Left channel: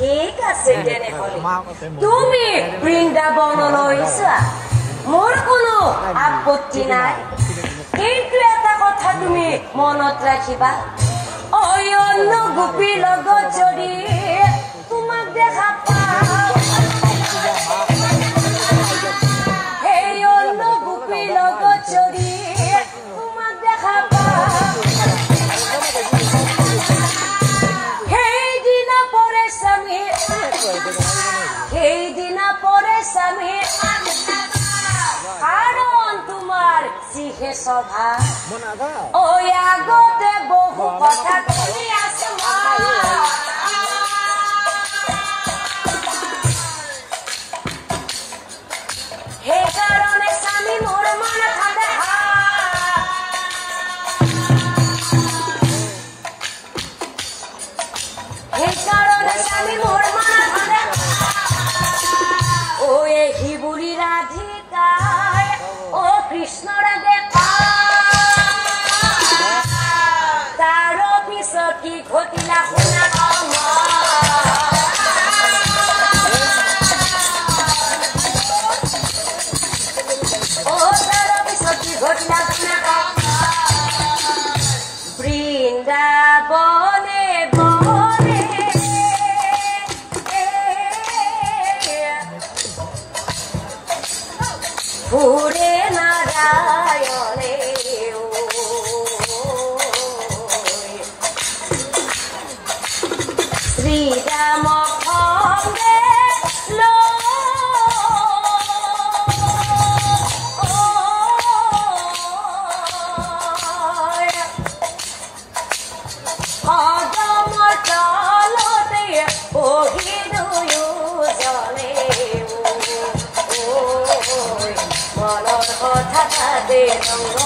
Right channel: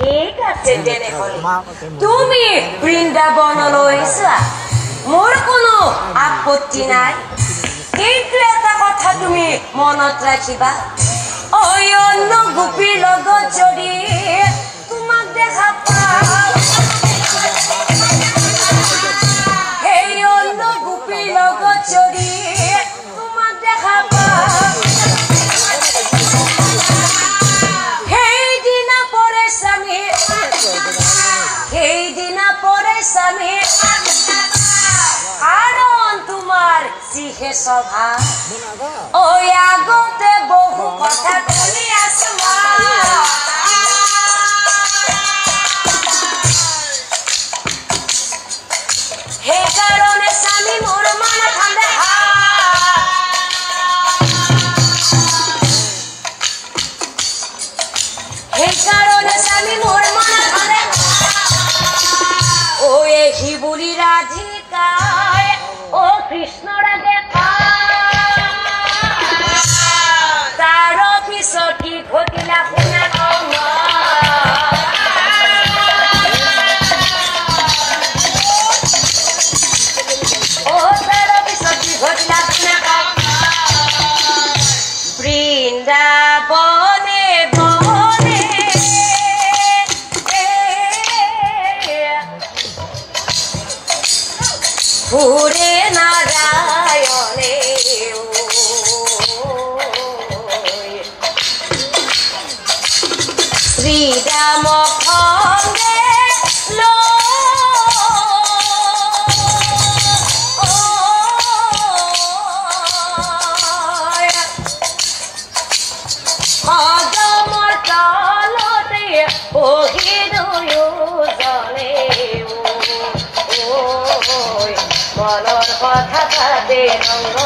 ঠিক আছে তেনেহ'লে তুমি বৃন্দাবনলৈ যোৱা মোৰ কোনো আপত্তি নাই কিন্তু এটা কথা তুমি মনত ৰাখিবা অন্য গোপীৰ লগত যদি তোমাক দেখা পাওঁ সেই অন্য গোপীৰ লগত যদি তোমাক দেখা পাওঁ সেইদিনা পৰে স্বামী কাৰণ তোমাৰ যিহে স্বভাৱ ঐ আগতে বহু কথা কৰি আছো সেইকাৰণে স্বামী মোৰ মন ঠাণ্ডা সেইকাৰণে স্বামী মোৰ মন ঠাণ্ডা ঐ শিবুলি ৰাধিকাই ও কৃষ্ণৰ আগে তাৰ পিছত কি ঘটিলা শুনা বৃন্দাবনে বনে ঘুৰে নাৰায়ণে শ্ৰীৰাম খণ্ডে কদমৰ তলতে বহি দুয়োজনে মনৰ কথা পাতে ৰংগ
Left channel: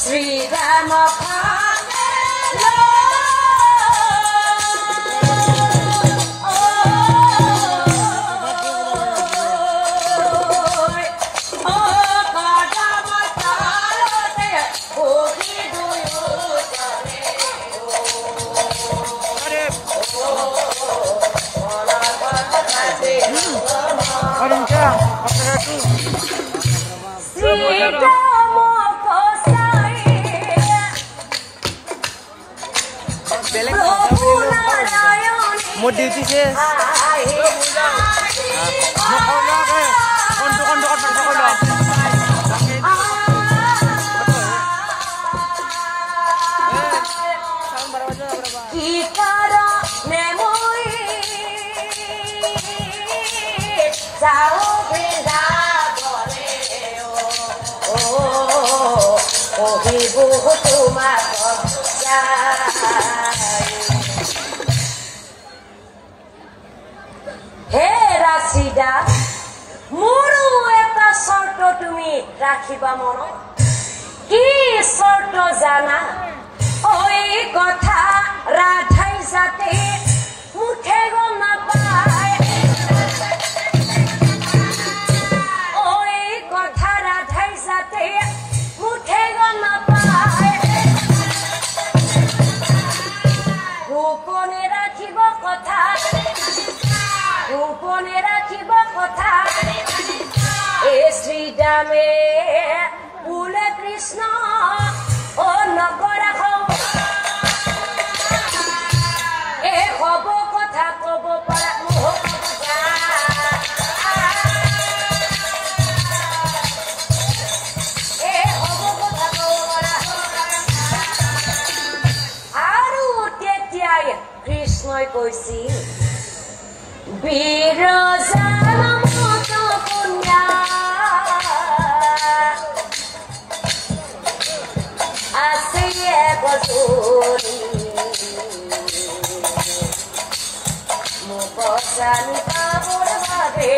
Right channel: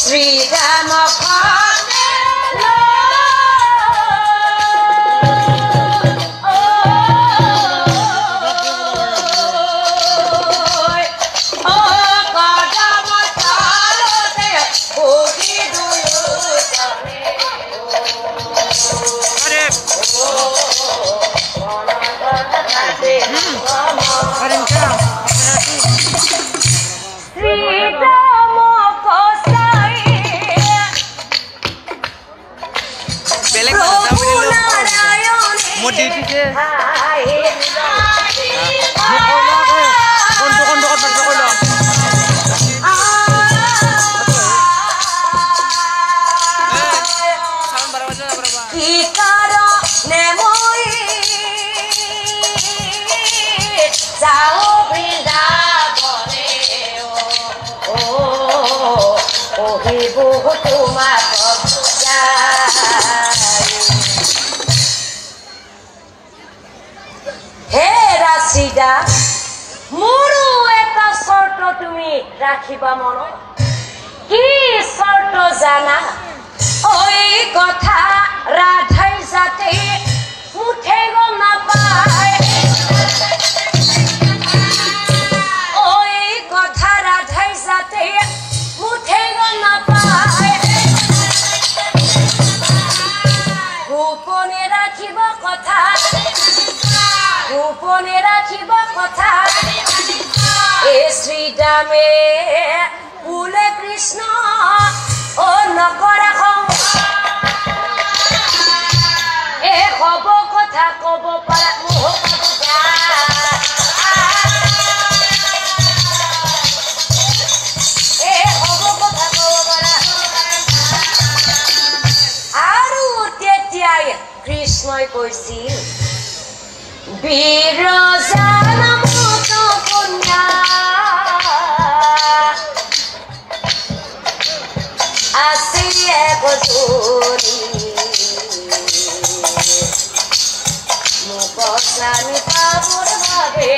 শ্ৰীৰাম Mau di sini. মোৰো এটা শৰ্ত তুমি ৰাখিবা মনত কি শৰ্ত জানা ঐ কথা ৰাধাই যাতে মুঠে গম নাপায় ঐ কথা ৰাধাই যাতে মুঠে গম নাপায় গোপনে ৰাখিব কথা গোপনে ৰাখিব কথা শ্ৰীৰামে বুলে কৃষ্ণ ও নকৰা এ হব কথা কব পাৰা এ হব কথা কব পাৰা আৰু তেতিয়াই কৃষ্ণই কৈছিল বিৰজান মত কন্যা আছে একজনী মোক স্বামী পাবৰ বাবে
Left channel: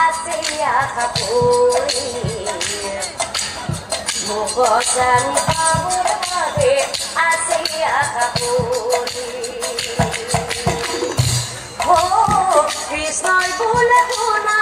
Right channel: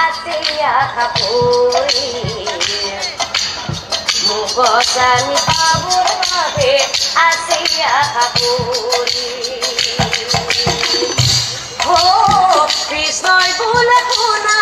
আছে আশা কৰি মোক বসানি বাবুৰ বাবে আসে আশা কৰি ও কৃষ্ণই বলে শোনা